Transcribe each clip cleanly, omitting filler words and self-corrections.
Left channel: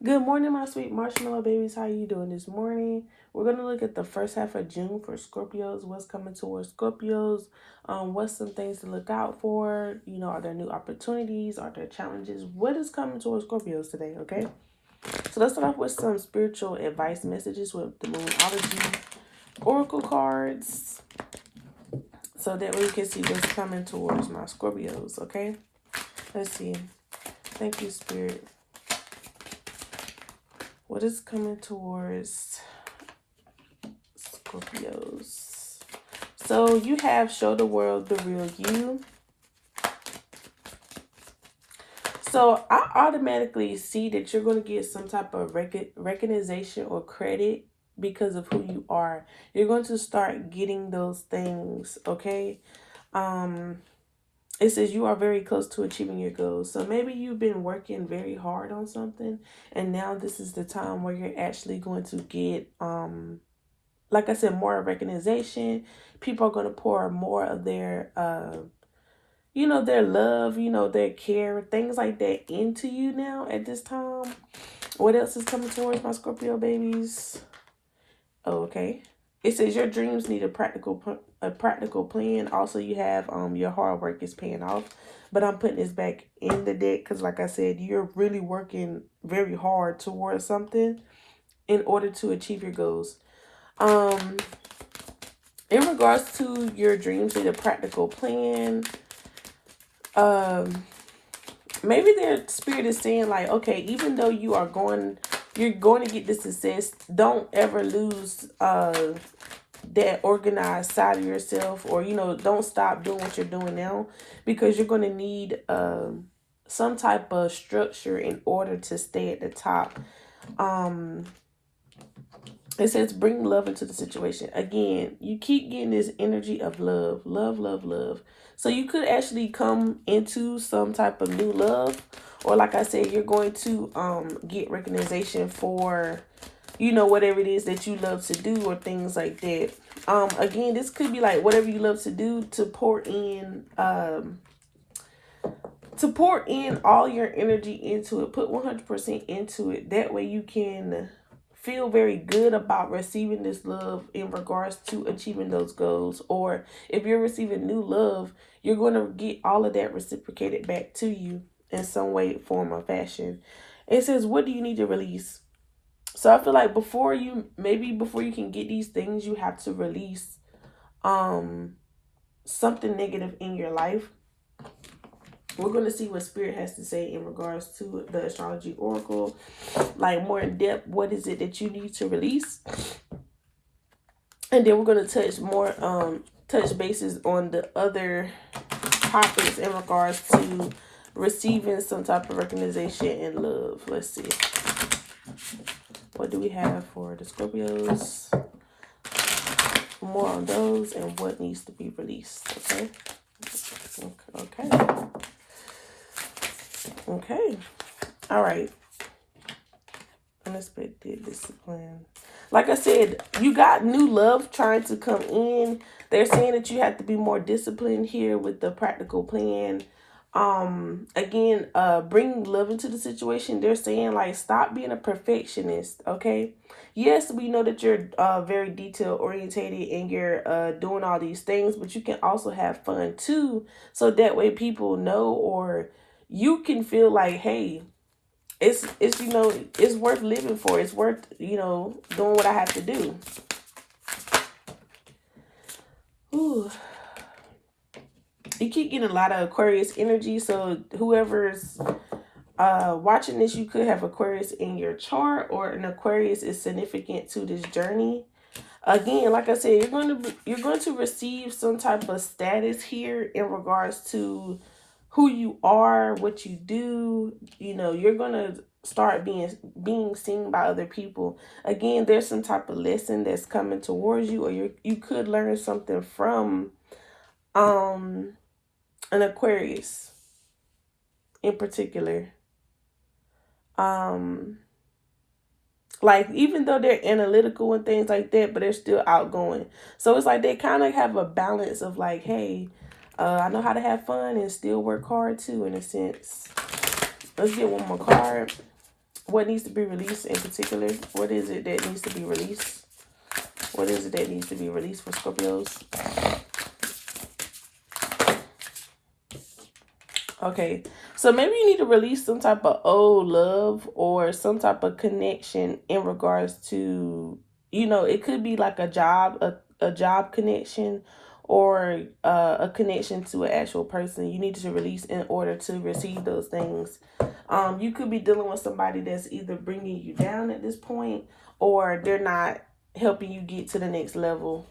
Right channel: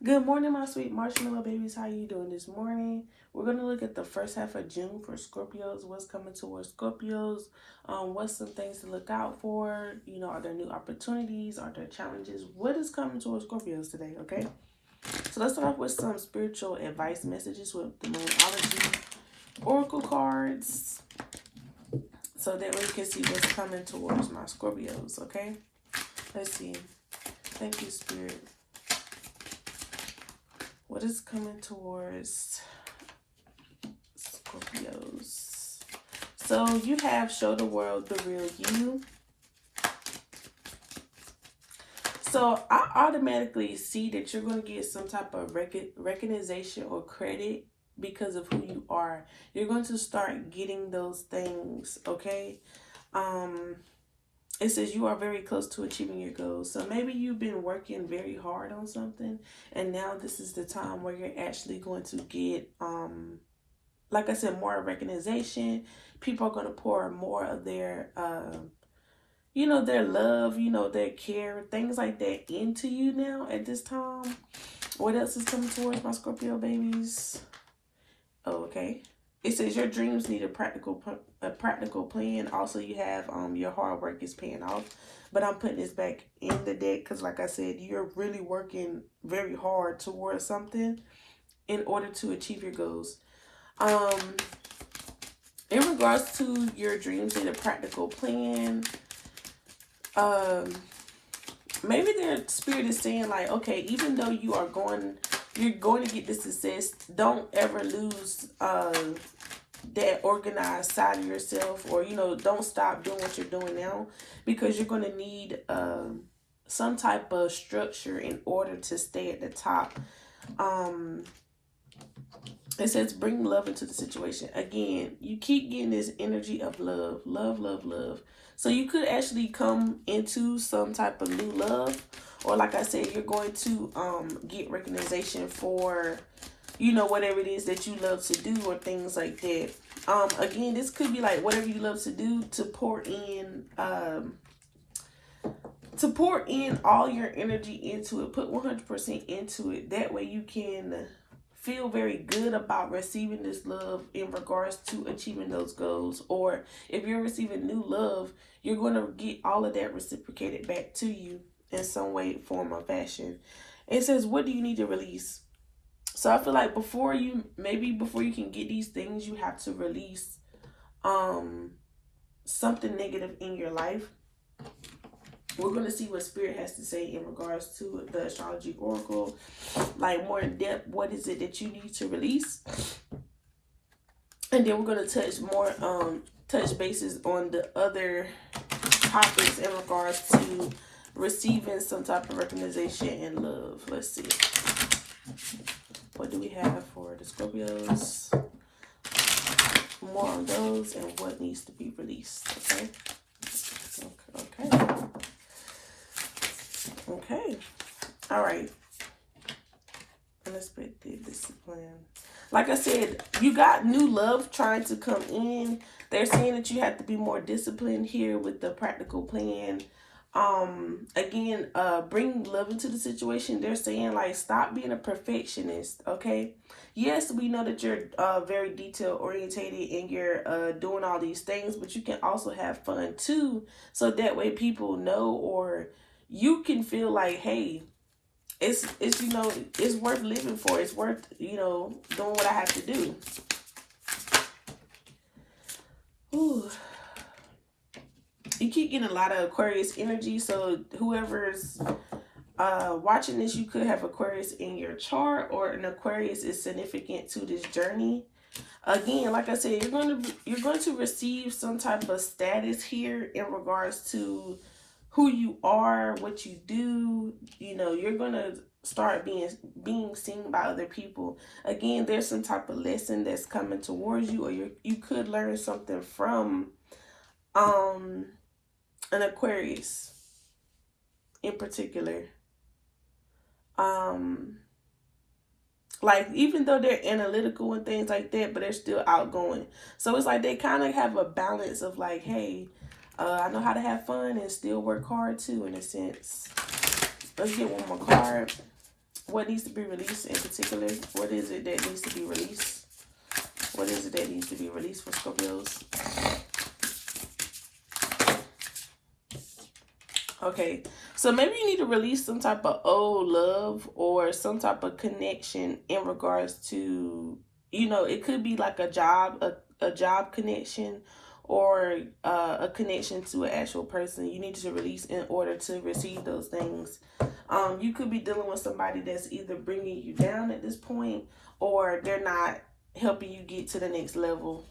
Good morning, my sweet marshmallow babies. How you doing this morning? We're going to look at the first half of June for Scorpios. What's coming towards Scorpios? What's some things to look out for? You know, are there new opportunities? Are there challenges? What is coming towards Scorpios today, okay? So let's start off with some spiritual advice messages with the Moonology Oracle cards so that we can see what's coming towards my Scorpios, okay? Let's see. Thank you, Spirit. What is coming towards Scorpios? So you have show the world the real you. So I automatically see that you're going to get some type of recognition or credit because of who you are. You're going to start getting those things, okay? It says you are very close to achieving your goals. So maybe you've been working very hard on something, and now this is the time where you're actually going to get, like I said, more recognition. People are going to pour more of their, their love, their care, things like that into you now at this time. What else is coming towards my Scorpio babies? Oh, okay. It says your dreams need a practical plan. Also, you have your hard work is paying off. But I'm putting this back in the deck because, like I said, you're really working very hard towards something in order to achieve your goals. In regards to your dreams need a practical plan, maybe their spirit is saying like, okay, even though you're going to get this success, don't ever lose that organized side of yourself, or don't stop doing what you're doing now, because you're going to need some type of structure in order to stay at the top. It says bring love into the situation. Again, you keep getting this energy of love, love, love, love. So you could actually come into some type of new love, or like I said, you're going to get recognition for, whatever it is that you love to do or things like that. Again, this could be like whatever you love to do, to pour in all your energy into it. Put 100% into it. That way you can feel very good about receiving this love in regards to achieving those goals. Or if you're receiving new love, you're going to get all of that reciprocated back to you in some way, form, or fashion. It says, what do you need to release? So I feel like before you can get these things, you have to release something negative in your life. We're going to see what Spirit has to say in regards to the astrology oracle, like more in depth. What is it that you need to release? And then we're going to touch bases on the other topics in regards to receiving some type of recognition and love. Let's see. What do we have for the Scorpios? More on those and what needs to be released. Okay. All right. Unexpected discipline. Like I said, you got new love trying to come in. They're saying that you have to be more disciplined here with the practical plan. Again, bring love into the situation. They're saying like, stop being a perfectionist. Okay. Yes, we know that you're very detail orientated and you're doing all these things, but you can also have fun too. So that way people know, or you can feel like, hey, it's worth living for. It's worth, doing what I have to do. Ooh. You keep getting a lot of Aquarius energy. So whoever's watching this, you could have Aquarius in your chart, or an Aquarius is significant to this journey. Again, like I said, you're going to receive some type of status here in regards to who you are, what you do. You're going to start being seen by other people. Again, there's some type of lesson that's coming towards you, or you could learn something from an Aquarius in particular. Like, even though they're analytical and things like that, but they're still outgoing. So it's like they kind of have a balance of like, hey, I know how to have fun and still work hard too, in a sense. Let's get one more card. What needs to be released in particular? What is it that needs to be released? What is it that needs to be released for Scorpios? Okay, so maybe you need to release some type of old love or some type of connection in regards to, you know, it could be like a job, a job connection, or a connection to an actual person. You need to release in order to receive those things. You could be dealing with somebody that's either bringing you down at this point, or they're not helping you get to the next level.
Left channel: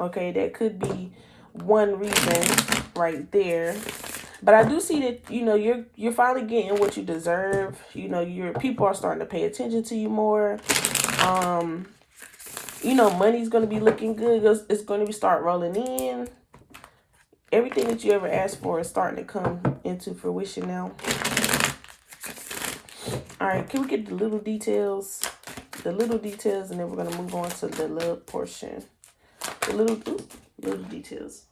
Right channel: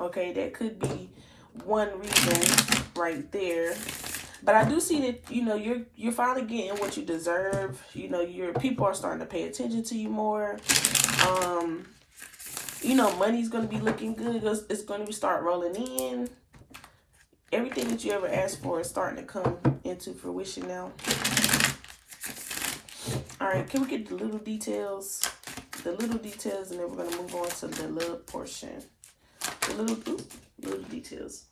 Okay, that could be one reason right there. But I do see that, you know, you're finally getting what you deserve. You know, your people are starting to pay attention to you more. You know, money's going to be looking good. It's going to be start rolling in. Everything that you ever asked for is starting to come into fruition now. All right, can we get the little details? The little details, and then we're going to move on to the love portion. The little details.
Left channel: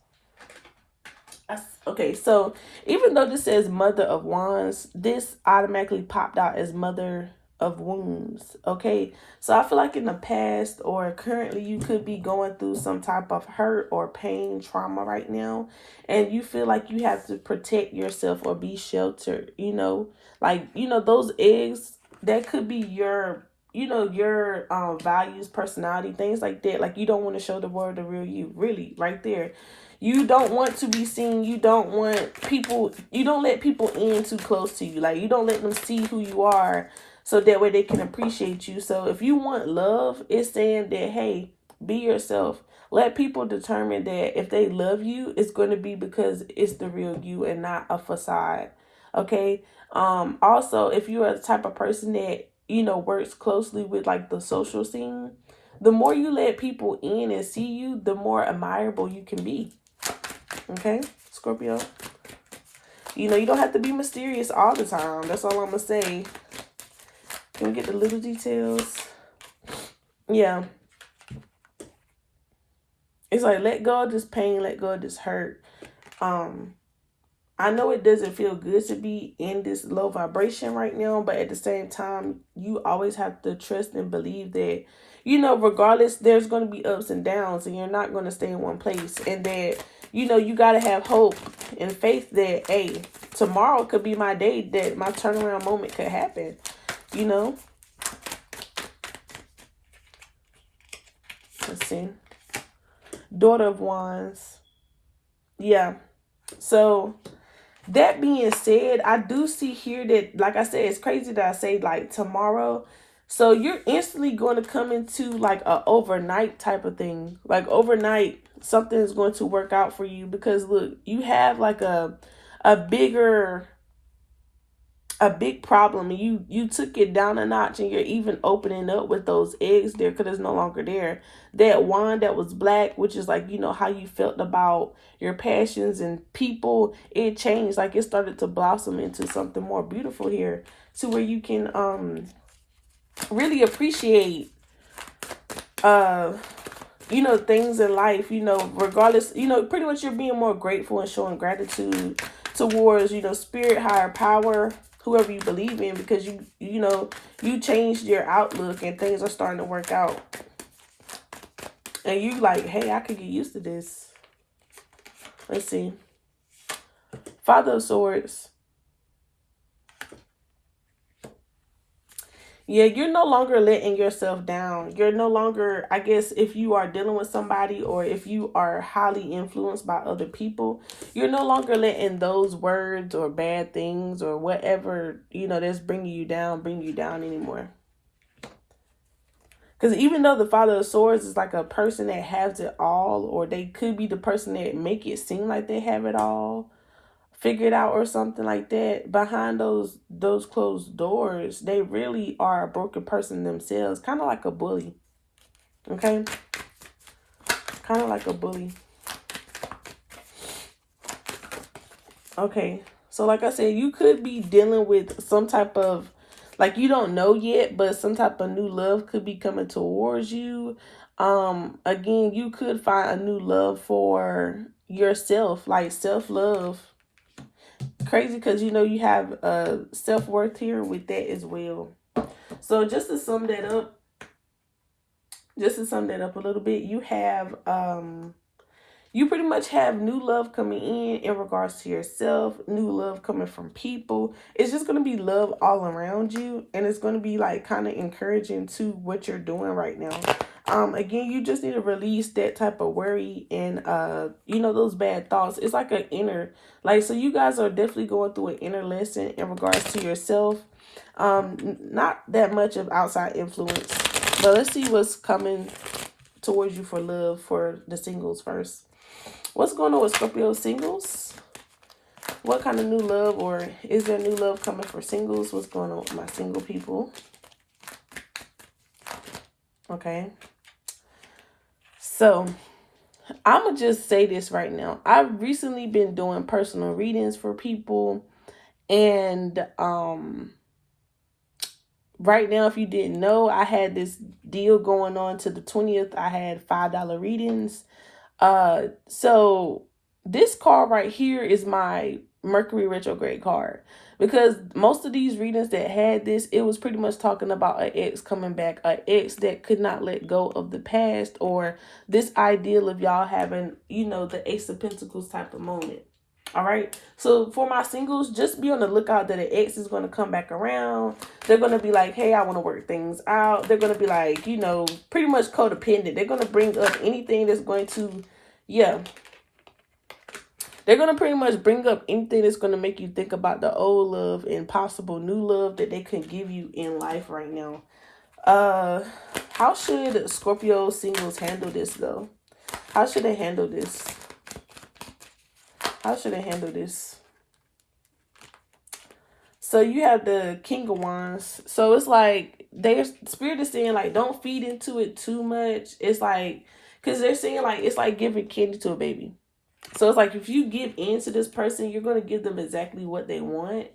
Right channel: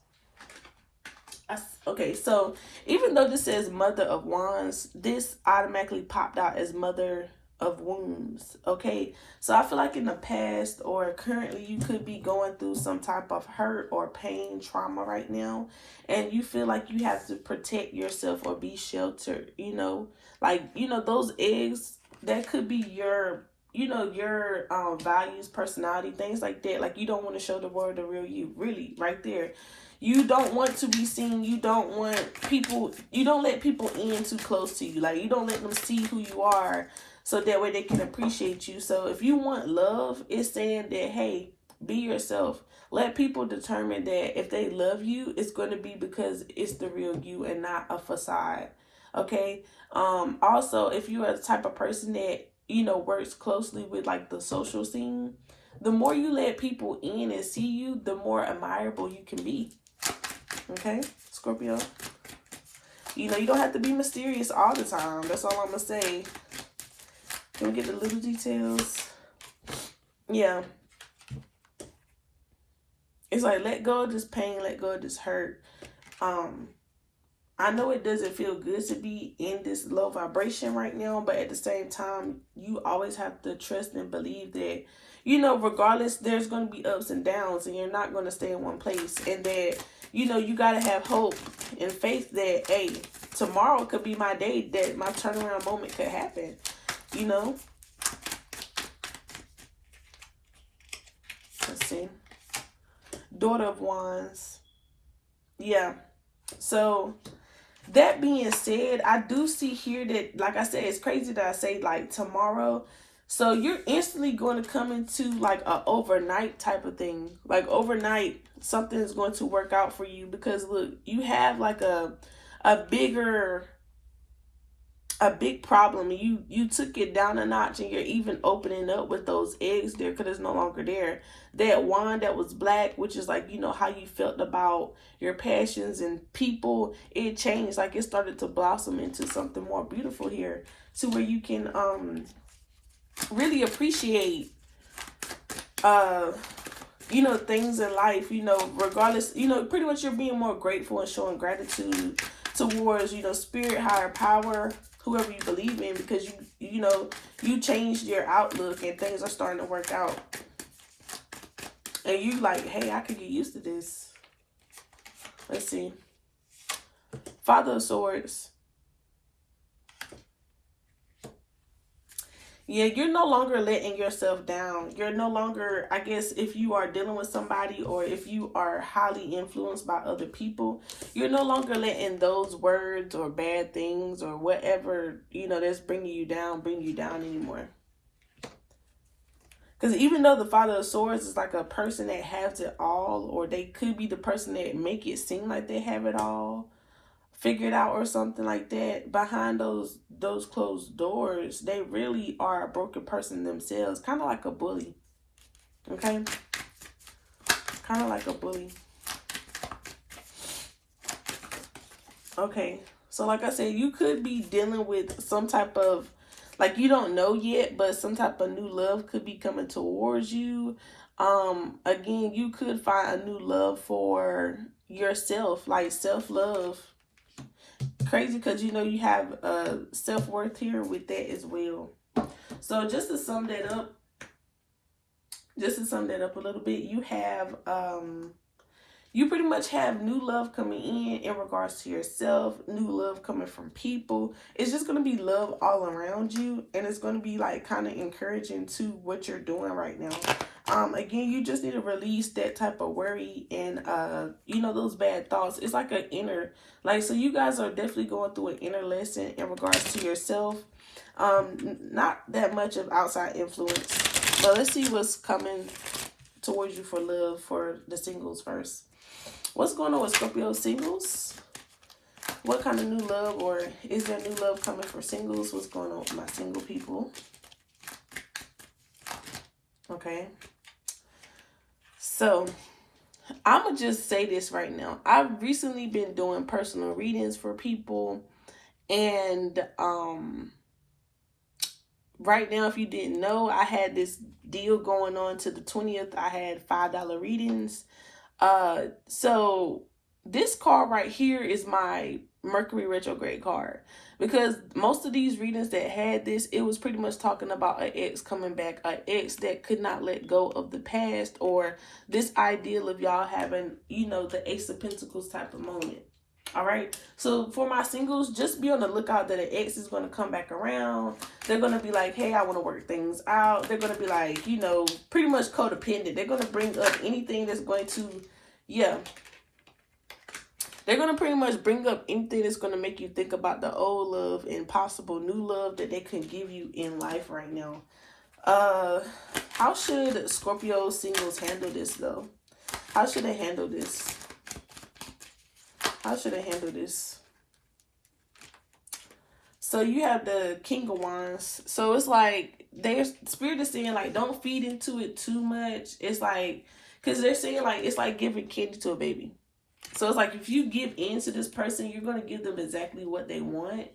Okay, so even though this says Mother of Wands, this automatically popped out as Mother of Wounds. Okay, so I feel like in the past or currently you could be going through some type of hurt or pain, trauma right now, and you feel like you have to protect yourself or be sheltered. You know, like, you know, those eggs, that could be your, you know, your values, personality, things like that. Like, you don't want to show the world the real you, really, right there. You don't want to be seen. You don't want people, you don't let people in too close to you. Like, you don't let them see who you are so that way they can appreciate you. So if you want love, it's saying that, hey, be yourself. Let people determine that if they love you, it's going to be because it's the real you and not a facade. Okay. Also, if you are the type of person that, you know, works closely with like the social scene, the more you let people in and see you, the more admirable you can be. Okay, Scorpio. You know, you don't have to be mysterious all the time. That's all I'm going to say. Can we get the little details? Yeah. It's like, let go of this pain, let go of this hurt. I know it doesn't feel good to be in this low vibration right now, but at the same time, you always have to trust and believe that, you know, regardless, there's going to be ups and downs, and you're not going to stay in one place. And that, you know, you got to have hope and faith that, hey, tomorrow could be my day, that my turnaround moment could happen, you know. Let's see. Daughter of Wands. Yeah. So that being said, I do see here that, like I said, it's crazy that I say like tomorrow. So you're instantly going to come into like a overnight type of thing. Like overnight, something is going to work out for you, because look, you have like a big problem, and you took it down a notch, and you're even opening up with those eggs there, because it's no longer there. That wand that was black, which is like, you know, how you felt about your passions and people, it changed. Like, it started to blossom into something more beautiful here, to where you can really appreciate you know, things in life, you know, regardless, you know, pretty much you're being more grateful and showing gratitude towards, you know, spirit, higher power, whoever you believe in, because you know, you changed your outlook and things are starting to work out. And you like, hey, I could get used to this. Let's see. Father of Swords. Yeah, you're no longer letting yourself down. You're no longer, I guess, if you are dealing with somebody, or if you are highly influenced by other people, you're no longer letting those words or bad things or whatever, you know, that's bring you down anymore. Because even though the Father of Swords is like a person that has it all, or they could be the person that make it seem like they have it all figured out or something like that, behind those closed doors, they really are a broken person themselves. Kind of like a bully. Okay? Kind of like a bully. Okay. So like I said, you could be dealing with some type of, like, you don't know yet, but some type of new love could be coming towards you. Again, you could find a new love for yourself, like self-love. Crazy, because, you know, you have self-worth here with that as well. So just to sum that up, a little bit, you have you pretty much have new love coming in regards to yourself, new love coming from people. It's just going to be love all around you, and it's going to be like kind of encouraging to what you're doing right now. Again, you just need to release that type of worry and you know, those bad thoughts. It's like an inner, like, so you guys are definitely going through an inner lesson in regards to yourself. Not that much of outside influence, but let's see what's coming towards you for love for the singles first. What's going on with Scorpio singles? What kind of new love, or is there new love coming for singles? What's going on with my single people? Okay. So, I'm going to just say this right now. I've recently been doing personal readings for people. And right now, if you didn't know, I had this deal going on to the 20th. I had $5 readings. So this card right here is my Mercury retrograde card, because most of these readings that had this, it was pretty much talking about an ex coming back, an ex that could not let go of the past, or this ideal of y'all having, you know, the Ace of Pentacles type of moment. All right. So for my singles, just be on the lookout that an ex is going to come back around. They're going to be like, hey, I want to work things out. They're going to be like, you know, pretty much codependent. They're going to bring up anything that's going to, yeah. They're going to pretty much bring up anything that's going to make you think about the old love and possible new love that they could give you in life right now. How should Scorpio singles handle this though? How should they handle this? How should I handle this? So you have the King of Wands. So it's like their spirit is saying like, don't feed into it too much. It's like, because they're saying like, it's like giving candy to a baby. So it's like, if you give in to this person, you're going to give them exactly what they want.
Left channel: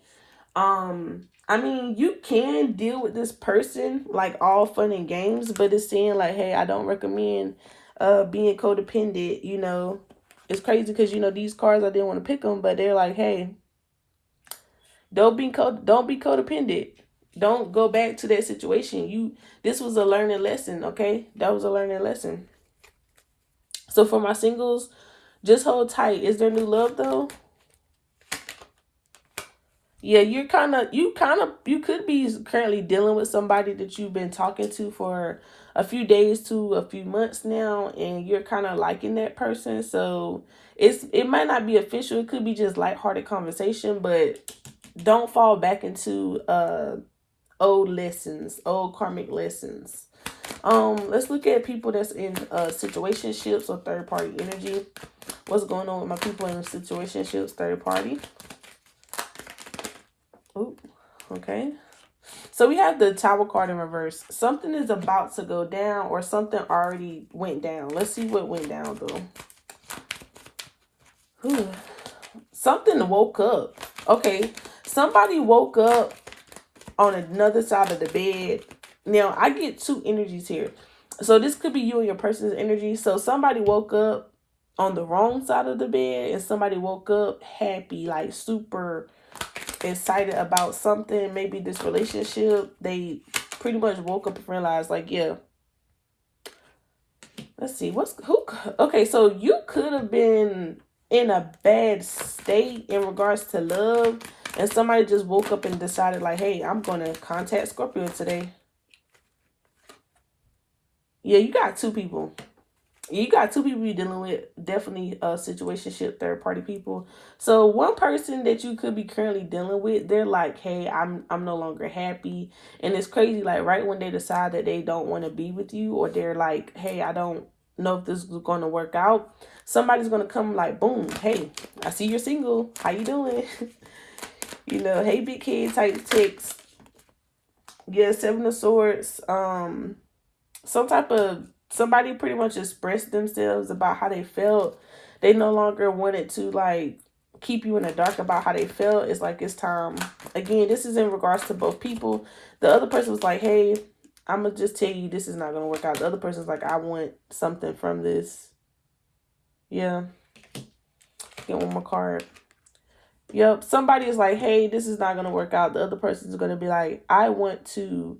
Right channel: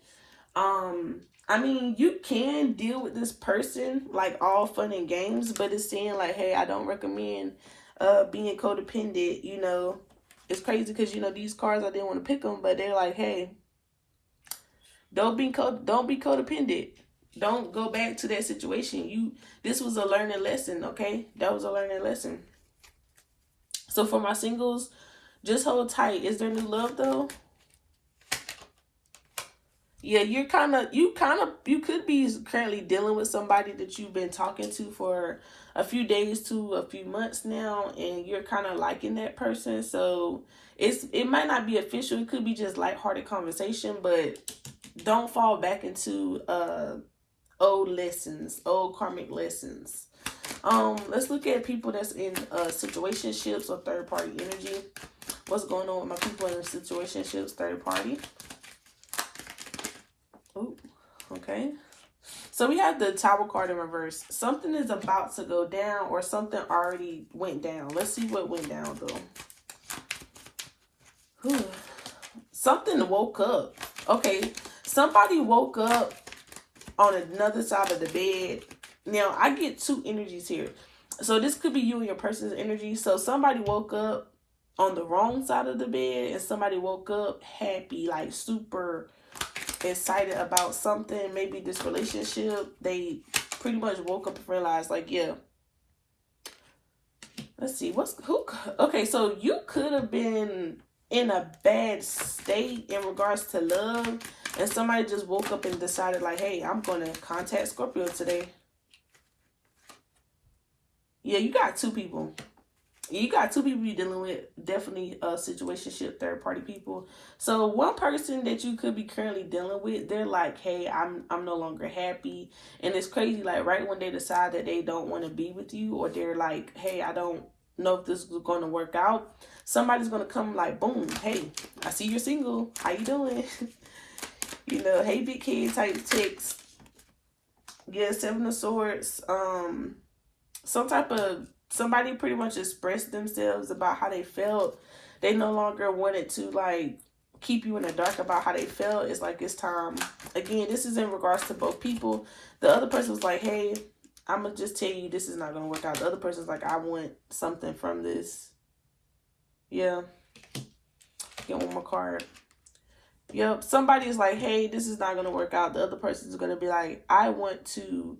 I mean, you can deal with this person like all fun and games, but it's saying like, hey, I don't recommend being codependent, you know. It's crazy because, you know, these cards, I didn't want to pick them, but they're like, hey, don't be codependent. Don't go back to that situation. This was a learning lesson, okay? That was a learning lesson. So for my singles, just hold tight. Is there new love though? Yeah, you could be currently dealing with somebody that you've been talking to for a few days to a few months now, and you're kind of liking that person. So it might not be official. It could be just lighthearted conversation, but don't fall back into old lessons, old karmic lessons. Let's look at people that's in situationships or third party energy. What's going on with my people in situationships, third party? Ooh, okay. So we have the Tower card in reverse. Something is about to go down, or something already went down. Let's see what went down though. Something woke up. Okay. Somebody woke up on another side of the bed. Now, I get two energies here. So this could be you and your person's energy. So somebody woke up on the wrong side of the bed, and somebody woke up happy, like super excited about something, maybe this relationship. They pretty much woke up and realized like, yeah, let's see, okay, so you could have been in a bad state in regards to love, and somebody just woke up and decided like, hey, I'm gonna contact Scorpio today. Yeah, you got two people. You got two people you're dealing with, definitely situationship, third party people. So one person that you could be currently dealing with, they're like, hey, I'm no longer happy. And it's crazy, like right when they decide that they don't want to be with you, or they're like, hey, I don't know if this is going to work out, somebody's going to come like, boom, hey, I see you're single. How you doing? You know, hey, big kid type text. Yeah, Seven of Swords. Some type of, somebody pretty much expressed themselves about how they felt. They no longer wanted to like keep you in the dark about how they felt. It's like, it's time. Again, this is in regards to both people. The other person was like, hey, I'm gonna just tell you this is not gonna work out. The other person's like, I want something from this. Yeah. Get one more card. Yep. Somebody is like, hey, this is not gonna work out. The other person is gonna be like, I want to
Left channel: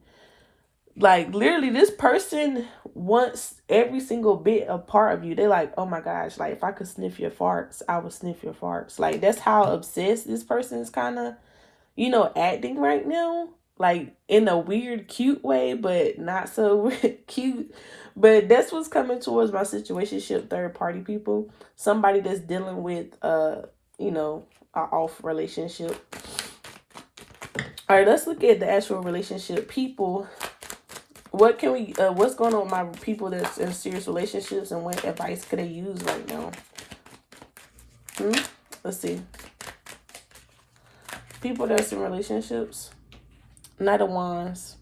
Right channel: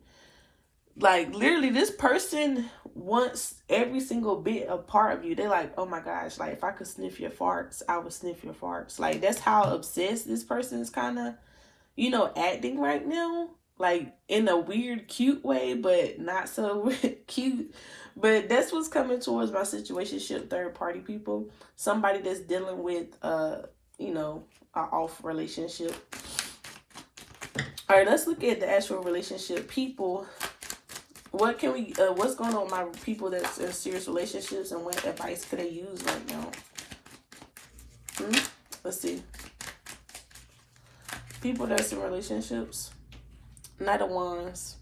Like, literally, this person wants every single bit a part of you. They're like, oh my gosh, like, if I could sniff your farts, I would sniff your farts. Like, that's how obsessed this person is kind of, acting right now. Like, in a weird, cute way, but not so cute. But that's what's coming towards my situationship, third party people. Somebody that's dealing with, a off relationship. All right, let's look at the actual relationship people. What's going on with my people that's in serious relationships, and what advice could they use right now? Let's see. People that's in relationships. Knight of Wands.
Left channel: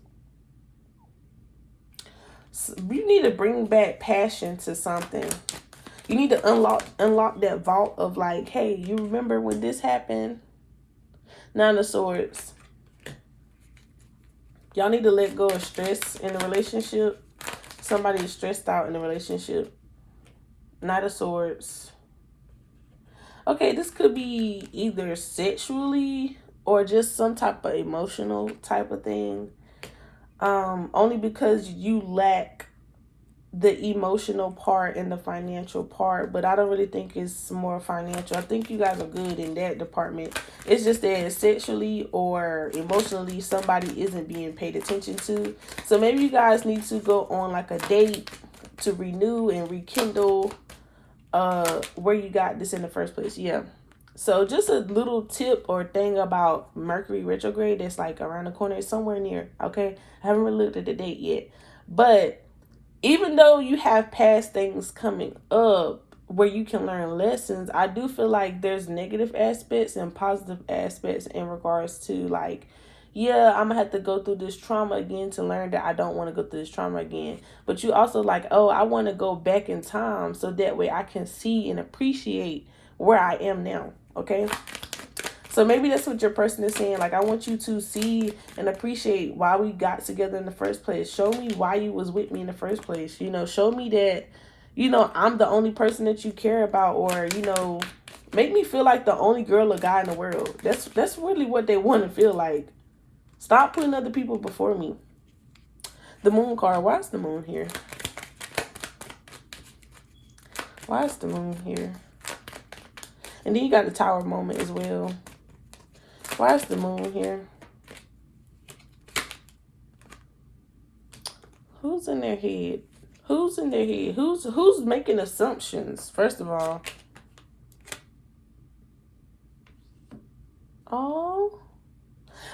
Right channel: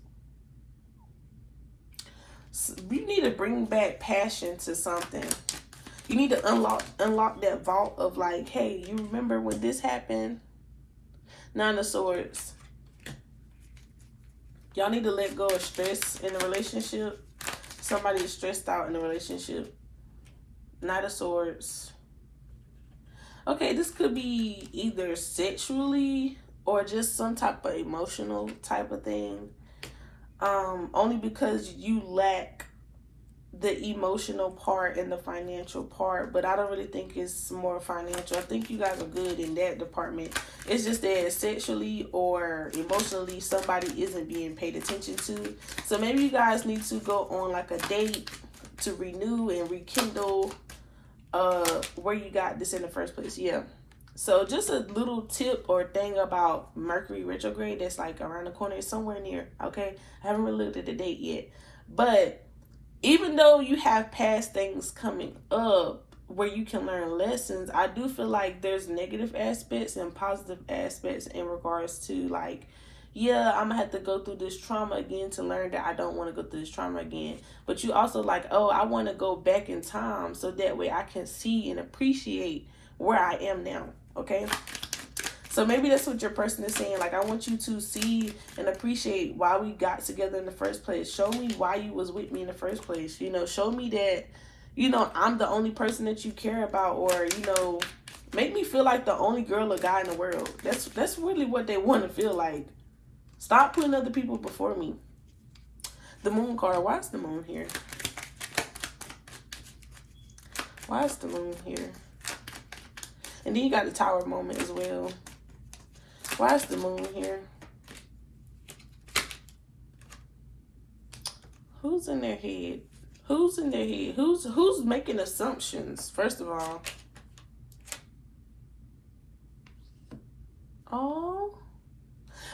So you need to bring back passion to something. You need to unlock that vault of like, hey, you remember when this happened? Nine of Swords. Y'all need to let go of stress in a relationship. Somebody is stressed out in a relationship. Knight of Swords. Okay, this could be either sexually or just some type of emotional type of thing. Only because you lack the emotional part and the financial part, but I don't really think it's more financial. I think you guys are good in that department. It's just that sexually or emotionally somebody isn't being paid attention to. So maybe you guys need to go on like a date to renew and rekindle where you got this in the first place. Yeah. So just a little tip or thing about Mercury retrograde that's like around the corner. It's somewhere near. Okay, I haven't really looked at the date yet, but even though you have past things coming up where you can learn lessons, I do feel like there's negative aspects and positive aspects in regards to like, yeah, I'm gonna have to go through this trauma again to learn that I don't want to go through this trauma again. But you also like, oh, I want to go back in time so that way I can see and appreciate where I am now. Okay. So maybe that's what your person is saying. Like, I want you to see and appreciate why we got together in the first place. Show me why you was with me in the first place. Show me that, I'm the only person that you care about, or, make me feel like the only girl or guy in the world. That's really what they want to feel like. Stop putting other people before me. The Moon card. Why is the Moon here? Why is the Moon here? And then you got the Tower moment as well. Why is the Moon here? Who's in their head? Who's in their head? Who's making assumptions, first of all? Oh.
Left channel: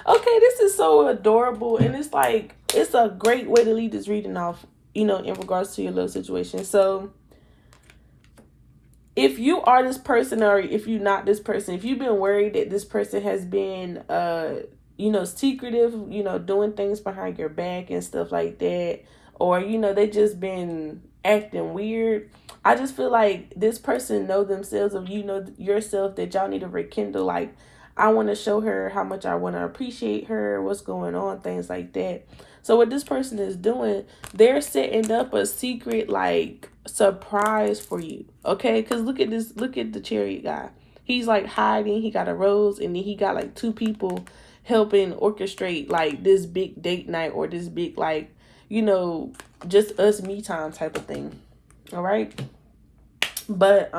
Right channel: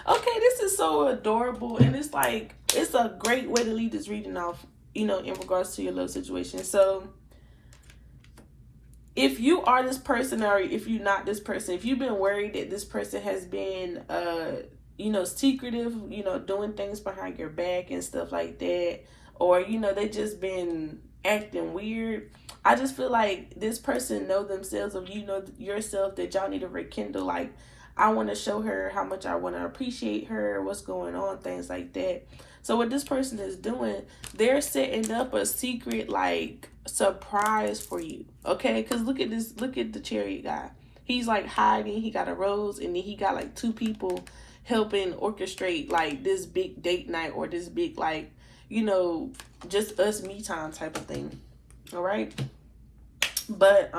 Okay, this is so adorable. And it's like, it's a great way to lead this reading off, in regards to your little situation. So, if you are this person, or if you're not this person, if you've been worried that this person has been, secretive, doing things behind your back and stuff like that, or, they just been acting weird, I just feel like this person know themselves, or yourself, that y'all need to rekindle. Like, I want to show her how much I want to appreciate her, what's going on, things like that. So what this person is doing, they're setting up a secret, like, surprise for you. Okay, because look at the Chariot guy. He's like hiding. He got a rose, and then he got like two people helping orchestrate like this big date night, or this big, like, just us me time type of thing. All right. But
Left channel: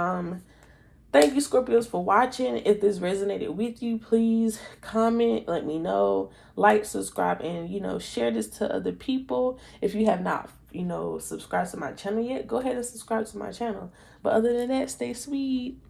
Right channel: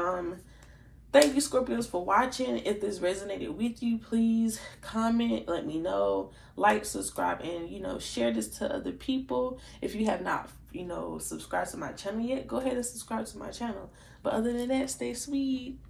thank you, Scorpios, for watching. If this resonated with you, please comment, let me know, like, subscribe, and, share this to other people. If you have not, subscribed to my channel yet, go ahead and subscribe to my channel. But other than that, stay sweet.